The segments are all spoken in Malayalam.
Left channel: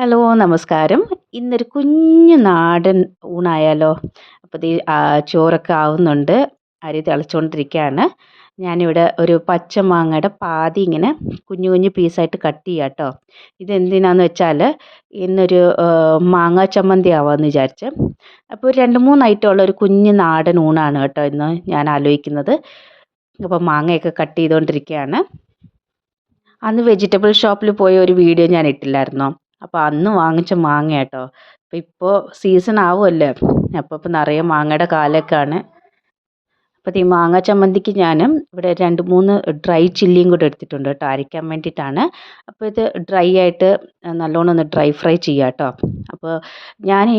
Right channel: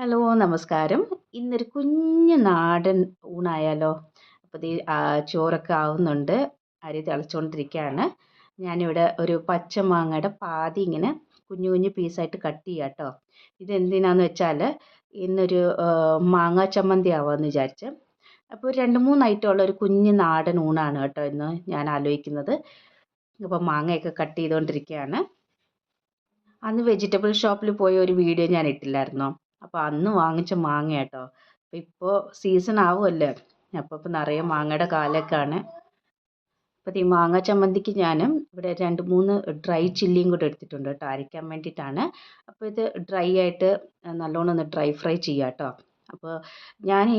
ഹലോ, നമസ്കാരം. ഇന്നൊരു കുഞ്ഞു നാടൻ ഊണായാലോ? അപ്പോൾ ദേ ചോറൊക്കെ ആവുന്നുണ്ട്. അരി തിളച്ചുകൊണ്ടിരിക്കുകയാണ്. ഞാനിവിടെ ഒരു പച്ചമാങ്ങയുടെ പാതി ഇങ്ങനെ കുഞ്ഞു കുഞ്ഞു പീസായിട്ട് കട്ട് ചെയ്യാം കേട്ടോ. ഇതെന്തിനാന്ന് വെച്ചാൽ ഇന്നൊരു മാങ്ങാ ചമ്മന്തി ആവാമെന്ന് വിചാരിച്ച്. അപ്പോൾ ഒരു 2, 3 ഐറ്റമുള്ള ഒരു കുഞ്ഞു നാടൻ ഊണാണ് കേട്ടോ ഇന്ന് ഞാൻ ആലോചിക്കുന്നത്. അപ്പോൾ മാങ്ങയൊക്കെ കട്ട് ചെയ്തുകൊണ്ടിരിക്കുകയാണ്. അന്ന് വെജിറ്റബിൾ ഷോപ്പിൽ പോയ ഒരു വീഡിയോ ഞാൻ ഇട്ടില്ലായിരുന്നോ? അപ്പോൾ അന്ന് വാങ്ങിച്ച മാങ്ങ കേട്ടോ. അപ്പോൾ ഇപ്പോൾ സീസൺ ആവുമല്ലേ. അപ്പോൾ ഇപ്പോൾ നിറയെ മാങ്ങയുടെ കാലമൊക്കെയാണ്. അപ്പോൾ ഈ മാങ്ങ ചമ്മന്തിക്ക് ഞാൻ ഇവിടെ 2, 3 ഡ്രൈ ചില്ലിയും കൂടെ എടുത്തിട്ടുണ്ട് കേട്ടോ, അരയ്ക്കാൻ വേണ്ടിയിട്ടാണ്. അപ്പോൾ ഇത് ഡ്രൈ ആയിട്ട് നല്ലോണം ഒന്ന് ഡ്രൈ ഫ്രൈ ചെയ്യാം കേട്ടോ. അപ്പോൾ ഞാൻ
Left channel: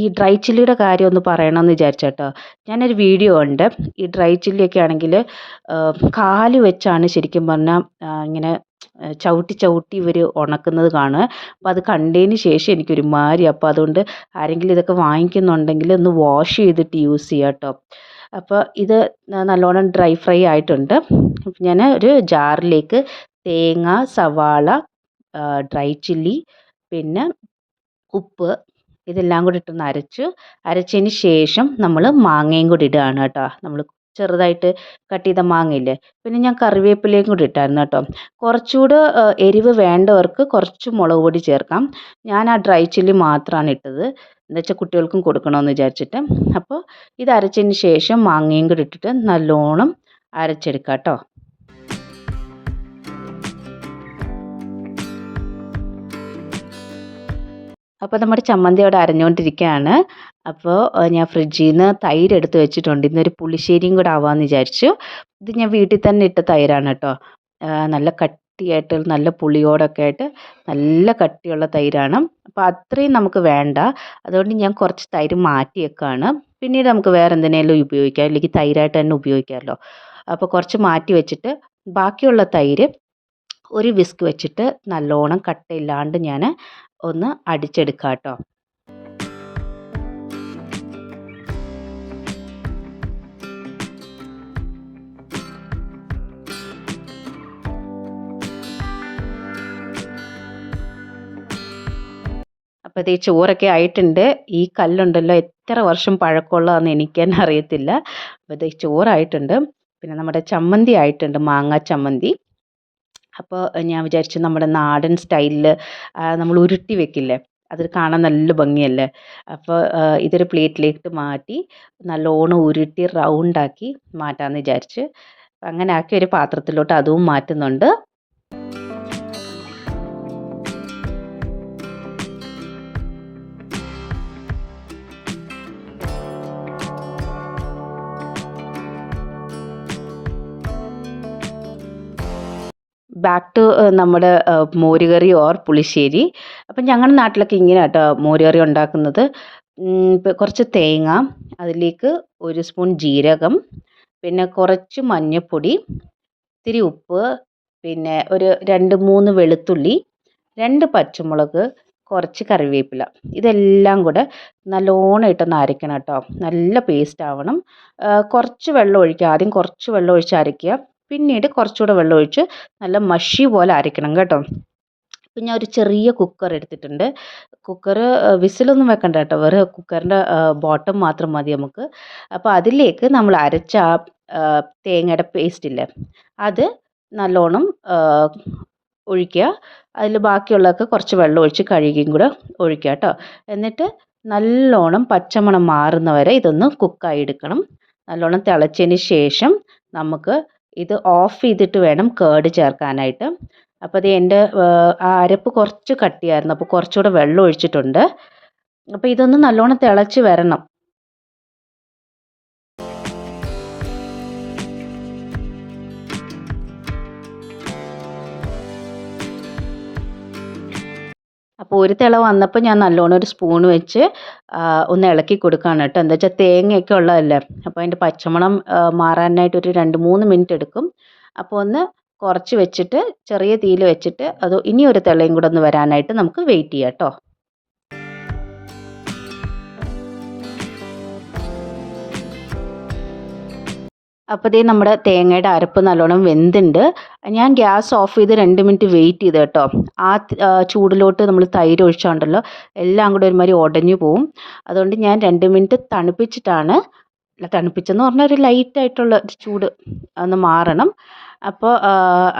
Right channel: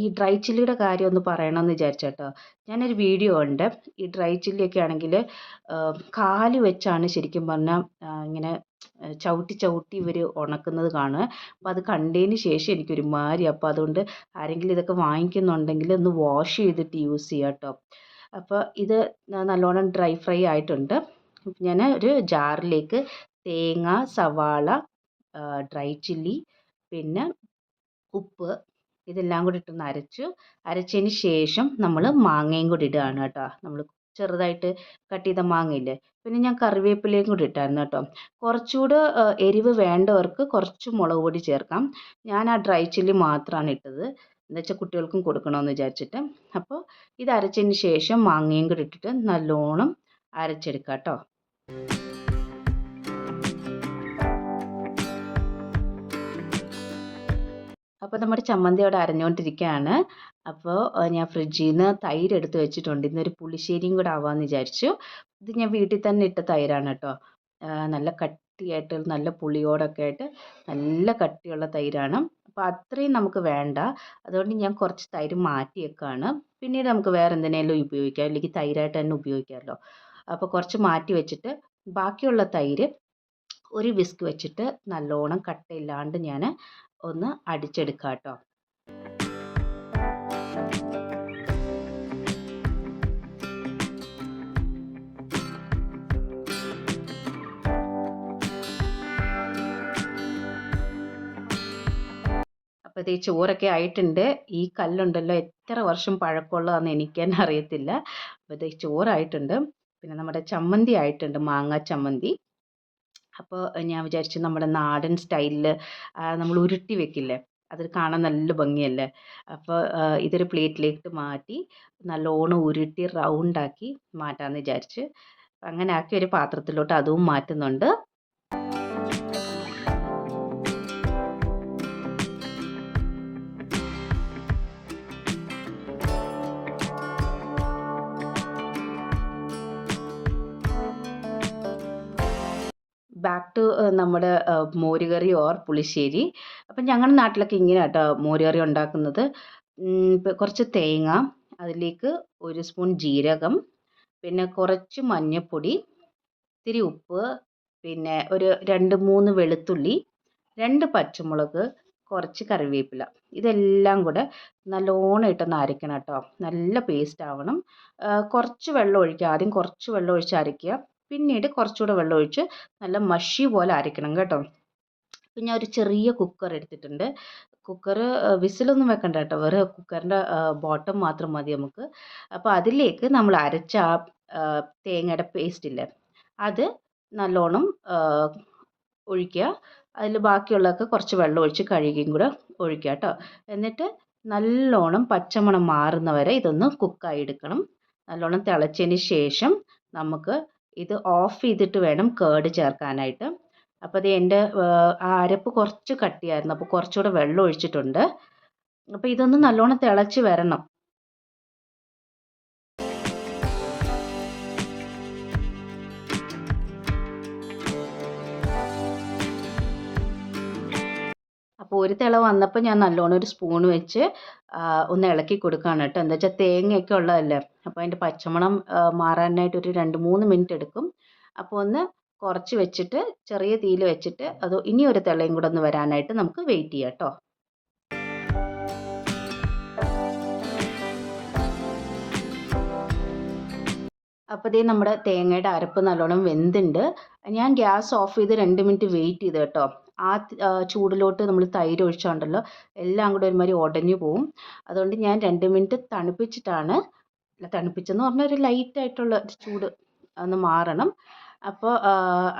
ഈ ഡ്രൈ ചില്ലിയുടെ കാര്യം ഒന്ന് പറയണമെന്ന് വിചാരിച്ചു കേട്ടോ. ഞാനൊരു വീഡിയോ ഉണ്ട്. ഈ ഡ്രൈ ചില്ലിയൊക്കെ ആണെങ്കിൽ കാല് വെച്ചാണ് ശരിക്കും പറഞ്ഞാൽ ഇങ്ങനെ ചവിട്ടി ചവിട്ടി ഇവർ ഉണക്കുന്നത് കാണുക. അപ്പോൾ അത് കണ്ടതിന് ശേഷം എനിക്കൊരുമാതിരി. അപ്പോൾ അതുകൊണ്ട് ആരെങ്കിലും ഇതൊക്കെ വാങ്ങിക്കുന്നുണ്ടെങ്കിൽ ഒന്ന് വാഷ് ചെയ്തിട്ട് യൂസ് ചെയ്യുക കേട്ടോ. അപ്പോൾ ഇത് നല്ലോണം ഡ്രൈ ഫ്രൈ ആയിട്ടുണ്ട്. ഞാൻ ഒരു ജാറിലേക്ക് തേങ്ങ, സവാള, ഡ്രൈ ചില്ലി, പിന്നെ ഉപ്പ് ഇതെല്ലാം കൂടി ഇട്ടൊന്ന് അരച്ചതിന് ശേഷം നമ്മൾ മാങ്ങയും കൂടി ഇടുകയാണ് കേട്ടോ. നമ്മൾ ചെറുതായിട്ട് കട്ട് ചെയ്ത മാങ്ങയില്ലേ, പിന്നെ ഞാൻ കറിവേപ്പിലയും കൂടി ഇട്ടായിരുന്നു കേട്ടോ. കുറച്ചുകൂടെ എരിവ് വേണ്ടവർക്ക് കുറച്ച് മുളക് പൊടി ചേർക്കാം. ഞാൻ ആ ഡ്രൈ ചില്ലി മാത്രമാണ് ഇട്ടത്, എന്താ വെച്ചാൽ കുട്ടികൾക്കും കൊടുക്കണമെന്ന് വിചാരിച്ചിട്ട്. അപ്പോൾ ഇത് അരച്ചതിന് ശേഷം മാങ്ങയും കൂടി ഇട്ടിട്ട് നല്ലോണം അരച്ചെടുക്കാം കേട്ടോ. അപ്പോൾ നമ്മുടെ ചമ്മന്തി അവിടെ അരഞ്ഞുകൊണ്ടിരിക്കുകയാണ്. അപ്പോൾ ഞാൻ ഫ്രിഡ്ജിൽ നിന്ന് തൈര് എടുത്ത് വെച്ചിട്ടുണ്ട്. ഇന്നൊരു പുളിശ്ശേരിയും കൂടെ ആവാമെന്ന് വിചാരിച്ചു. ഇത് ഞാൻ വീട്ടിൽ തന്നെ ഇട്ട തൈരാണ് കേട്ടോ. നല്ല കട്ടിയായിട്ട് നല്ല പുളിയോടൊക്കെ ആയിട്ട് നല്ല കട്ടിയുള്ള തൈരാണ്. അപ്പോൾ അത്രയും നമുക്ക് വേണ്ട. അതുകൊണ്ട് ഞാൻ കുറച്ച് തൈര് മാറ്റി വെക്കുകയാണ്. പിന്നീട് നമുക്ക് വേറെ എന്തിനേലും ഉപയോഗിക്കാം, അല്ലെങ്കിൽ തൈരായിട്ട് തന്നെ ഉപയോഗിക്കാമല്ലോ. അപ്പോൾ കുറച്ച് മാറ്റി വെച്ചിട്ട് ബാക്കിയുള്ള തൈര് ഒരു വിസ്ക് വെച്ചിട്ട് നല്ലോണം കട്ടയില്ലാണ്ട് ഞാൻ ഒന്ന് അടിച്ചെടുക്കാം കേട്ടോ. അപ്പോൾ ഈ ചോറൊക്കെ ആയിട്ടുണ്ട്. ഈ കല്ലുണ്ടല്ലോ എത്ര വർഷം പഴക്കമുള്ളതാണെന്ന് എനിക്ക് തന്നെ അറിയത്തില്ല. അപ്പോൾ ഈ ചോറായിട്ടുണ്ട്. പിന്നെ നമ്മുടെ ചമ്മന്തി ആയിട്ടുണ്ട്, മാങ്ങാ ചമ്മന്തി. അപ്പോൾ ഞാൻ വിചാരിച്ചു നമ്മുടെ നാടൻ സ്റ്റൈലിൽ നമ്മൾ ഉരുട്ടി വെക്കില്ലേ, അത് കാണാൻ നല്ല ഭംഗിയല്ലേ. അപ്പോൾ ഇതൊരു പ്ലേറ്റിലേക്ക് മാറ്റി നല്ലോണം ഉരുട്ടി റൗണ്ടാക്കി മാറ്റാമെന്ന് വിചാരിച്ച് അങ്ങനെ ആക്കി ഒരു പാത്രത്തിലോട്ട് അതും മാറ്റുന്നുണ്ട്. ബാക്ക് ടു നമ്മുടെ മോരുകറി ഓർ പുളിശ്ശേരി. അപ്പം ഞങ്ങളുടെ നാട്ടിലൊക്കെ ഇങ്ങനെ കേട്ടോ മോരുകറി ഉണ്ടാക്കുന്നത്. ഇപ്പം കുറച്ച് തേങ്ങ, അതിലേക്ക് 1 സ്പൂൺ ജീരകം, പിന്നെ കുറച്ച് മഞ്ഞൾപ്പൊടി, ഇത്തിരി ഉപ്പ്, പിന്നെ ഒരു 2, 3 വെളുത്തുള്ളി, 2 പച്ചമുളക്, കുറച്ച് കറിവേപ്പില, ഇതെല്ലാം കൂടെ നല്ലോണം ഇട്ടൊന്ന് അരയ്ക്കണം കേട്ടോ. നല്ല പേസ്റ്റ് ആവണം. കുറച്ച് വെള്ളം ഒഴിക്കുക, ആദ്യം കുറച്ച് വെള്ളം ഒഴിച്ച് അരയ്ക്കുക, പിന്നീട് കുറച്ചുകൂടെ വെള്ളം ഒഴിച്ച് നല്ല മഷി പോലെ അരയ്ക്കണം കേട്ടോ. ഇപ്പം ഞാൻ ഒരു ചെറിയ കുക്കർ എടുത്തിട്ടുണ്ട്. കുക്കർ വിസിലൊന്നും വെക്കണ്ട കേട്ടോ, വേറെ കുക്കറിൻ്റെ ബോട്ടം മാത്രം മതി നമുക്ക്. അപ്പോൾ അതിലേക്ക് നമ്മൾ അരച്ച ആ തേങ്ങയുടെ പേസ്റ്റ് ഇല്ലേ, അത് നല്ലോണം ഒഴിക്കുക. അതിൽ ബാക്കിയുള്ളതൊക്കെ കുറച്ച് വെള്ളം ഒഴിച്ച് കഴുകിയും കൂടെ ഒഴിക്കുക കേട്ടോ. എന്നിട്ട് നല്ലോണം പച്ചമണം മാറുന്നവരെ ഇതൊന്ന് കുക്കായി എടുക്കണം. നല്ലോണം തിളച്ചതിന് ശേഷം നമുക്ക് ഇത് ഓഫ് ചെയ്തിട്ട് വേണം കേട് ചേർക്കാനായിട്ട്. അപ്പോൾ അത് എൻ്റെ ആ അരപ്പ് കുറച്ച് കട്ടിയായിരുന്നു, അപ്പോൾ കുറച്ചുകൂടെ വെള്ളം ഒഴിച്ചിട്ടുണ്ട്. അപ്പോൾ ഇതൊന്ന് നല്ലോണം തിളച്ച് വരണം. അപ്പോൾ ഒരു തിള വന്നപ്പോൾ ഞാൻ നല്ലോണം ഒരു സ്പൂൺ വെച്ച് ഒന്ന് ഇളക്കി കൊടുക്കുകയാണ് കേട്ടോ. എന്താ വെച്ചാൽ തേങ്ങയൊക്കെ ഉള്ളതല്ലേ, അപ്പോൾ അതിൻ്റെ പച്ചമണം മാറാനായിട്ട് ഒരു 2, 3 മിനിറ്റ് എടുക്കും. അപ്പോൾ ഒന്ന് കുറച്ച് വെച്ചിട്ട് ചെറിയ തീയിൽ വെച്ചിട്ട് അത് ഇനി ഒരു തിളയും കൂടെ ഒന്ന് വരാനായിട്ട് നമുക്ക് വെയിറ്റ് ചെയ്യാം കേട്ടോ. അപ്പോൾ ദേ നമ്മുടെ തേങ്ങയുടെ അരപ്പ് നല്ലോണം വെന്തുണ്ട്. ഞാൻ ഗ്യാസ് ഓഫ് ചെയ്ത് 2 മിനിറ്റ് വെയിറ്റ് ചെയ്ത് കേട്ടോ. ചൂടിലോട്ട് നമ്മൾ തൈര് ഒഴിച്ചാണ്ടല്ലോ എല്ലാം കൂടെ ഒരുമാതിരി ഉടഞ്ഞു പോവും. അതുകൊണ്ട് ഞാൻ 2 മിനിറ്റ് തണുപ്പിച്ചിട്ടാണ്, തണുപ്പിച്ചെന്ന് പറഞ്ഞാൽ ഒരു ലൈറ്റായിട്ടുള്ള ചൂട് ഒന്ന് മാറണം. അപ്പോൾ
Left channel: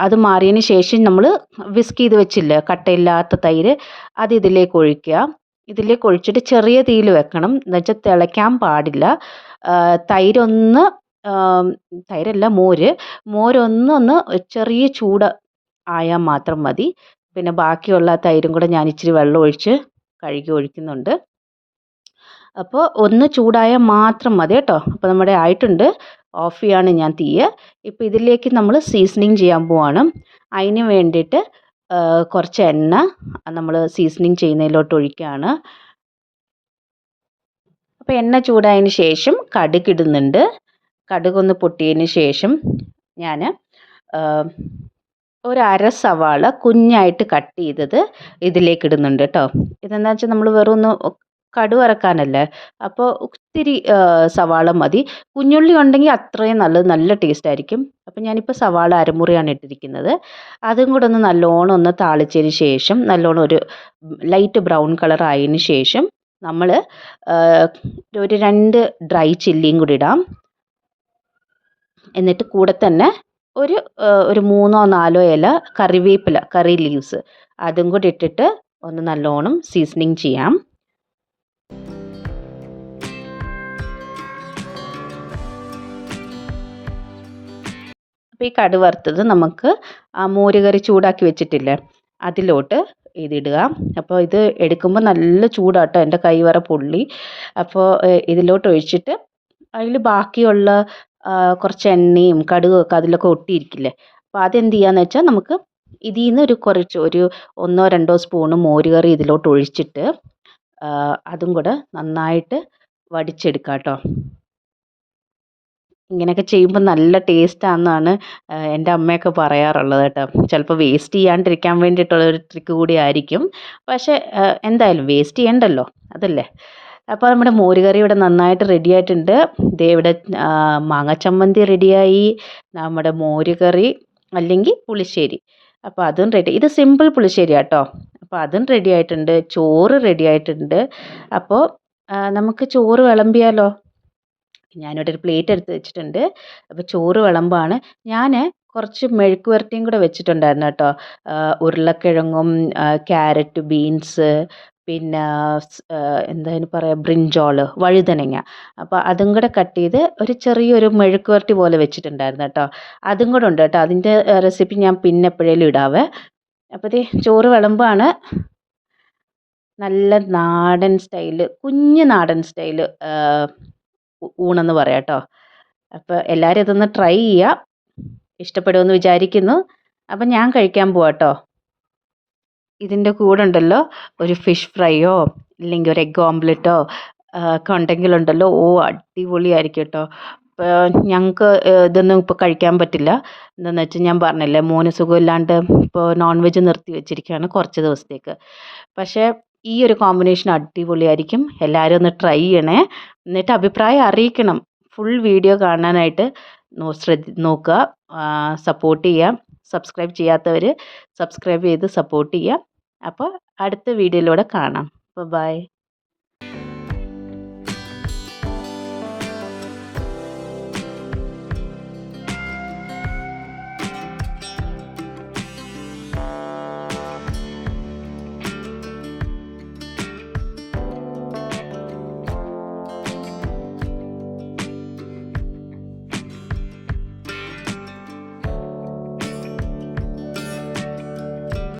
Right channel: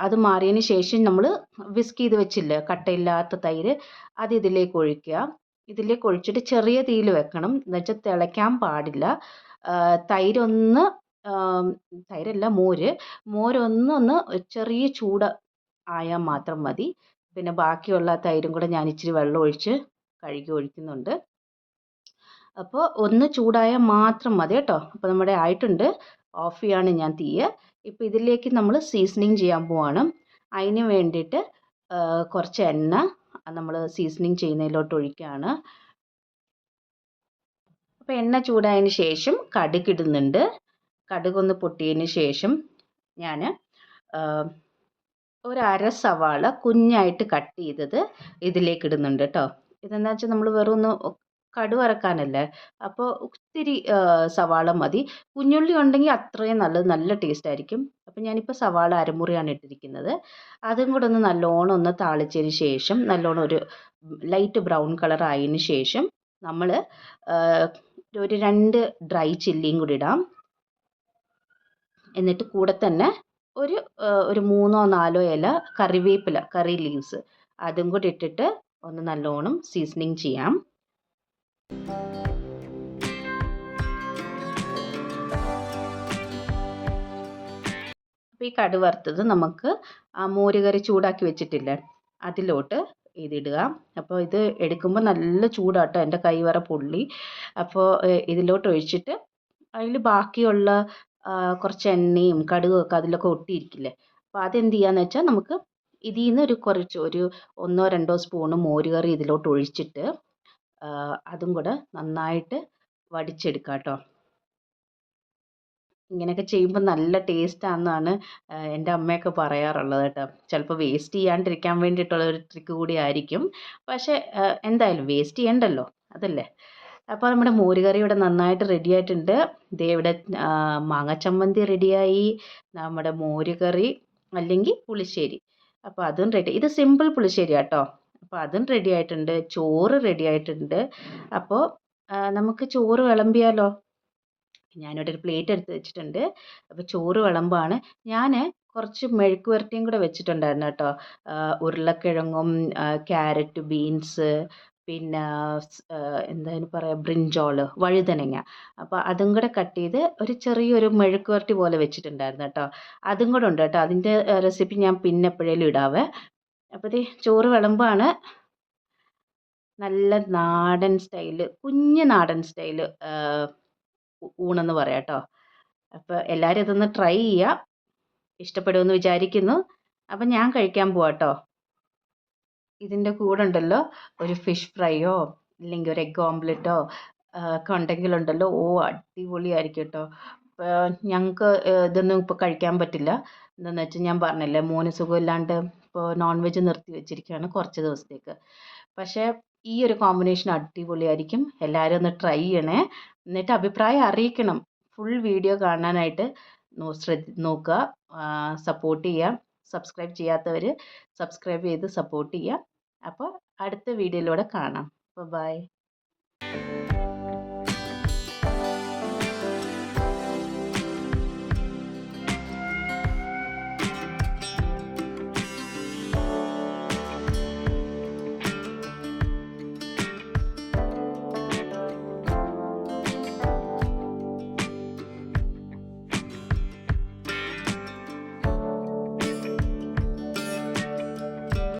അത് മാറിയതിന് ശേഷം നമ്മൾ വിസ്ക് ചെയ്ത് വെച്ചില്ലേ കട്ടയില്ലാത്ത തൈര്, അത് ഇതിലേക്ക് ഒഴിക്കുക. ഇതിലേക്ക് ഒഴിച്ചിട്ട് ചെറിയ തീയിൽ വെക്കണം, എന്നുവെച്ചാൽ തിളയ്ക്കാൻ പാടില്ല. തൈരൊന്ന് തൈരല്ല മോരൊന്ന് ചെറിയ ചൂട് ആയാൽ മാത്രം മതി. പിന്നെ ബാക്കിയുള്ള തൈരും കൂടെ ഞാൻ ഇച്ചിരി വെള്ളം ഒഴിച്ച് കഴുകി ഒഴിക്കുന്നുണ്ട്. അപ്പോൾ ഒന്ന് ചൂടായാൽ മാത്രം മതി കേട്ടോ. അപ്പോൾ നമ്മുടെ ആയിട്ടുണ്ട്. ഓഫ് ചെയ്യാണ് ഞാൻ തീയ്. ഇപ്പോൾ ഇതിലേക്ക് നമ്മൾ സീസണിങ് ചെയ്യാൻ പോവാണ്. അതിന് വേണ്ടിയിട്ട് കുറച്ച് എണ്ണ നമ്മൾ സീസണിങ് ചെയ്യുന്നതിലോട്ട് ഒഴിക്കുകയാണ്. അപ്പോൾ എണ്ണ ചൂടായതിന് ശേഷം കടുക് ഇടുന്നുണ്ട്. കടുകൊന്ന് പൊട്ടിയതിന് ശേഷം ഞാൻ ഒരു അര സവാള കുഞ്ഞായിട്ട് കട്ട് ചെയ്തത് ഇതിലേക്ക് ഇടുന്നുണ്ട് കേട്ടോ. ഇതെന്താ വെച്ചാൽ നമ്മൾ വെറും ഒന്ന് കടുക് വറക്കാനല്ലേ, അപ്പോൾ ഒത്തിരി സവാള മതി. കുഞ്ഞുള്ളി ഉണ്ടെങ്കിൽ അത്രയും നല്ലത്, നല്ല ടേസ്റ്റ് ആയിരിക്കും. അപ്പോൾ ഞാനിപ്പോൾ സവാള അരമുറിയാണ് ഇട്ടിരിക്കുന്നത്. അതും കൂടെ ഒന്ന് നല്ലോണം ഒന്ന് താളിച്ചതിന് ശേഷം നല്ലോണം ഒരു ലൈറ്റ് ബ്രൗൺ കളർ ആയതിന് ശേഷം നമ്മൾ ഒരു 2 ഡ്രൈ ചില്ലിയും കൂടി ഇടാം. എന്നിട്ട് കൂടെ തന്നെ ഒരു 3ഓ 4ഓ ഇല കറിവേപ്പില, കറി ലീവ്സ് അതും കൂടി ഇട്ടിട്ട് ഒന്ന് നല്ലോണം സീസണിങ് ചെയ്യാം. അപ്പോൾ ഈ കടുക് വറുത്തത് നമുക്ക് ആ മോരുകറി ചൂടാക്കി വെച്ചിട്ടില്ലേ അതിലോട്ട് ഇതിടുക. അപ്പോൾ ഇത് എടുക്കുമ്പോൾ നല്ല ചൂടാട്ടോ, എൻ്റെ കൈ വരെ പൊള്ളി. അപ്പോൾ ഇതിലോട്ട് ഒഴിച്ചിട്ട് അതിൽ ബാക്കിയുള്ള കുറച്ച് എണ്ണയും കടുകൊക്കെ അതിലൊക്കെ ഒട്ടിയിരിക്കില്ലേ, അപ്പോൾ അതെന്ത് ചെയ്യാന്ന് വെച്ചാൽ നമുക്ക് ഇതിൽ നിന്ന് ഒരു 1ഓ 2ഓ സ്പൂണ് മോരുകറി ഇതിലോട്ട് ഒഴിച്ചിട്ട് അതും കൂടെ നന്നായിട്ട് വടിച്ചെടുക്കാം കേട്ടോ. ഇങ്ങനെയൊക്കെ ചെയ്യുമ്പോൾ നല്ല ടേസ്റ്റാണെന്നാണ് എൻ്റെ അമ്മയൊക്കെ പറയാറുള്ളത് കേട്ടോ. ചിലപ്പോൾ വേസ്റ്റ് ചെയ്യാണ്ടിരിക്കാൻ വേണ്ടിയിട്ടുള്ളൊരു ട്രിക്ക് കൂടി ആയിരിക്കും. പക്ഷേ എന്തായാലും വേസ്റ്റ് ചെയ്യണ്ടല്ലോ, അതല്ലേ. അപ്പോൾ നമ്മുടെ മോരുകറി ഇവിടെ നന്നായിട്ട് റെഡി ആയിട്ടുണ്ട്. ദേ ഇവിടെ മാങ്ങ ചമ്മന്തി റെഡിയായി, നമ്മുടെ മോരുകറി അല്ലെങ്കിൽ പുളിശ്ശേരി, അപ്പോൾ അതും റെഡി. ഇത് സിമ്പിൾ പുളിശ്ശേരി കേട്ടോ. അപ്പോൾ അതും റെഡി ആയിട്ടുണ്ട്, ചോറ് റെഡി ആയിട്ടുണ്ട്. അപ്പോൾ നമുക്ക് ചോറ് വിളമ്പിയാലോ. ഞാനിവിടെ ഒരു പ്ലേറ്റ് എടുത്ത് വെച്ചിട്ടുണ്ട്. അപ്പോൾ ചോറ് വിളമ്പാണ്. ഞാൻ കുറച്ച് മെഴുക്ക് പുരട്ടിയും കൂടെ വെച്ചിട്ടുണ്ടായിരുന്നു കേട്ടോ. ഉരുളക്കിഴങ്ങും ക്യാരറ്റ്, ബീൻസ്, പിന്നെ എന്താ പറയുക, ബ്രിഞ്ചോൾ, വഴുതനങ്ങ, അപ്പോൾ അതും കൂടെ കട്ട് ചെയ്ത് ഒരു ചെറിയൊരു മെഴുക്ക് പുരട്ടി പോലെ വെച്ചിട്ടുണ്ടായിരുന്നു കേട്ടോ. അതും കൂടെ ഉണ്ട് കേട്ടോ. അതിൻ്റെ റെസിപ്പി ഞാൻ പിന്നെ എപ്പോഴേലും ഇടാവേ. അപ്പോൾ ദേ ചോറ് വിളമ്പാണ്. നല്ല നാടൻ സ്റ്റൈല്, കുഞ്ഞ് നാടൻ സ്റ്റൈല് ഊണെന്ന് പറയാം കേട്ടോ. അപ്പോൾ എല്ലാവരും ഇതൊന്ന് ട്രൈ ചെയ്യുക, ഇഷ്ടപ്പെടുമെന്ന് വിചാരിക്കുന്നു. അപ്പം ഞാൻ കഴിക്കാൻ പോവാം കേട്ടോ. ഇതിൻ്റെ കൂടെ ഉണ്ടല്ലോ ഒരു ഫിഷ് ഫ്രൈയോ ഇല്ലെങ്കിൽ ഒരു എഗ് ഓംലെറ്റോ ഒക്കെ ഉണ്ടെങ്കിലുണ്ടല്ലോ, അടിപൊളിയായിരിക്കും കേട്ടോ. ഞങ്ങൾക്ക് ഇതൊന്നും ഇപ്പോൾ കഴിക്കാൻ പറ്റില്ല. എന്താണെന്ന് വെച്ചാൽ ഞാൻ പറഞ്ഞില്ലേ, മോന് സുഖമില്ലാണ്ട് ഇപ്പോൾ നോൺ വെജ് നിർത്തി വെച്ചിരിക്കുകയാണ് കുറച്ച് ദിവസത്തേക്ക്. പക്ഷേ ഈ ഒരു കോമ്പിനേഷൻ അടിപൊളിയായിരിക്കും. എല്ലാവരും ഒന്ന് ട്രൈ ചെയ്യണേ, എന്നിട്ട് അഭിപ്രായം അറിയിക്കണം. ഫുൾ വീഡിയോ കാണാനായിട്ട് നോക്കുക, സപ്പോർട്ട് ചെയ്യുക. സബ്സ്ക്രൈബ് ചെയ്യാത്തവർ സബ്സ്ക്രൈബ് ചെയ്ത് സപ്പോർട്ട് ചെയ്യുക. അപ്പോൾ അടുത്ത വീഡിയോയിലൂടെ കാണാം. ബൈ.